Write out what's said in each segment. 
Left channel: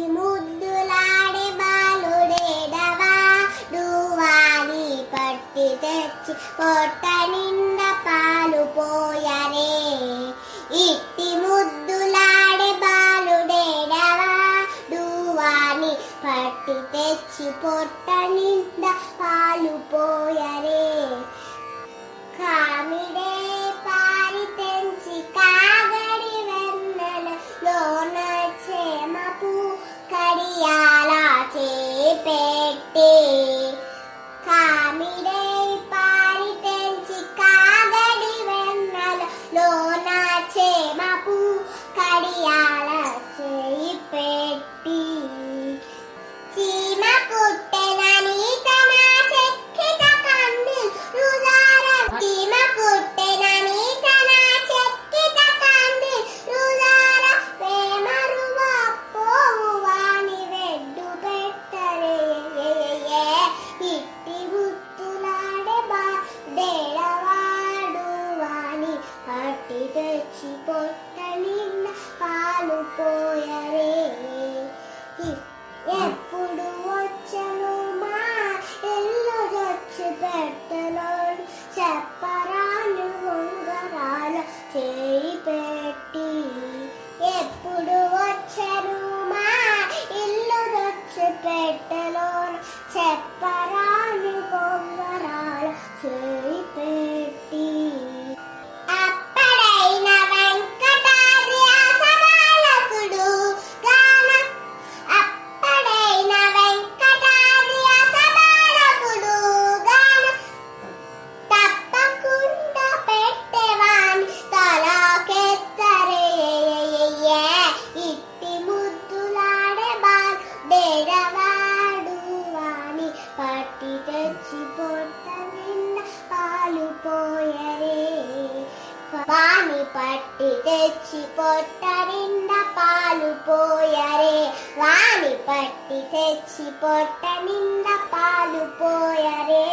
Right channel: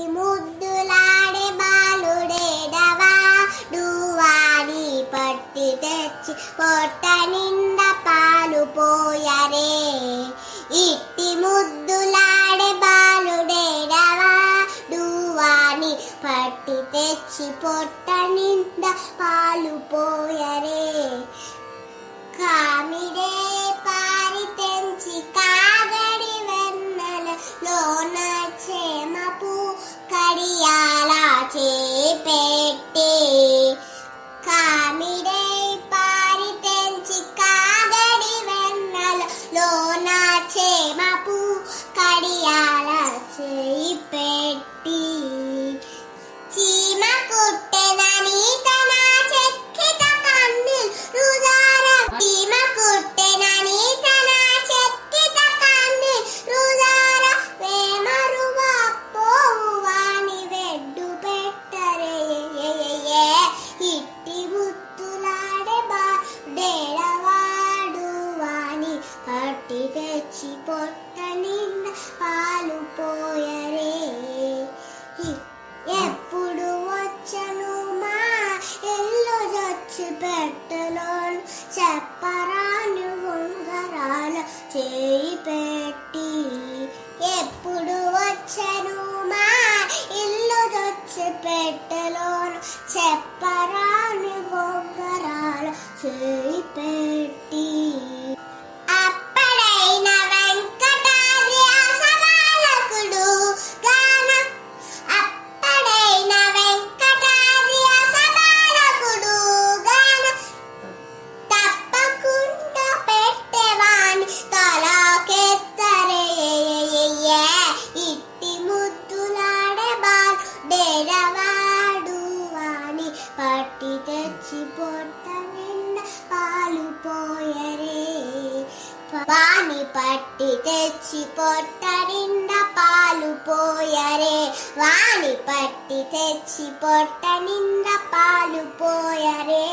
ఇట్టి ముద్దులాడే బాలుడేడవా డువాని పట్టి తెచ్చి పొట్ట నిండా పాలు పోయరే. ఇట్టి ముద్దులాడే బాలుడేడవా డువాని పట్టి తెచ్చి పొట్ట నిండా పాలు పోయరే. కామిడే పారి తెంచి కాగడి వెన్నెల లోన చేమపు కడియాల చేపెట్టి. కామిడే పారి తెంచి కాగడి వెన్నెల లోన చేమపు కడియాల చేపెట్టి. చీమ కుట్టెనని తన చెక్కిట కన్ను రుజార. చీమ కుట్టెనని తన చెక్కిట కన్ను రుజార. వేమరువ పోవాని వెడ్డు పెట్టరే. ఇట్టి ముద్దులాడే బాలుడేడవాడు వాని పట్టి తెచ్చి పొట్ట నిండా పాలు పోయరే. ఎప్పుడు వచ్చను మా ఇల్లు చచ్చి పెట్టలోను చెప్పరాను ఉంగరాల చేయి పెట్టి. ఎప్పుడు వచ్చను మా ఇల్లు చచ్చి పెట్టలోను చెప్పరాను ఉంగరాల చేయి పెట్టి. అప్పుడైన వెంకటాద్రి అసబాలకుడు గాన. అప్పుడైన వెంకటాద్రి అసబాలకుడు గాన. తప్పకుండా పెట్టేవాని తలకెత్తరే. ఇట్టి ముద్దులాడే బాలుడేడవాడు వాని పట్టి తెచ్చి పొట్ట నిండా పాలు పోయరే. వాని పట్టి తెచ్చి పొట్ట నిండా పాలు పోయరే. వాని పట్టి తెచ్చి పొట్ట నిండా పాలు పోయరే.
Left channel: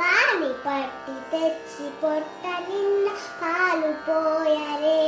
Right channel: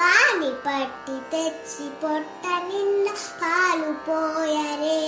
వాని పట్టి తెచ్చి పొట్ట నిండా పాలు పోయరే.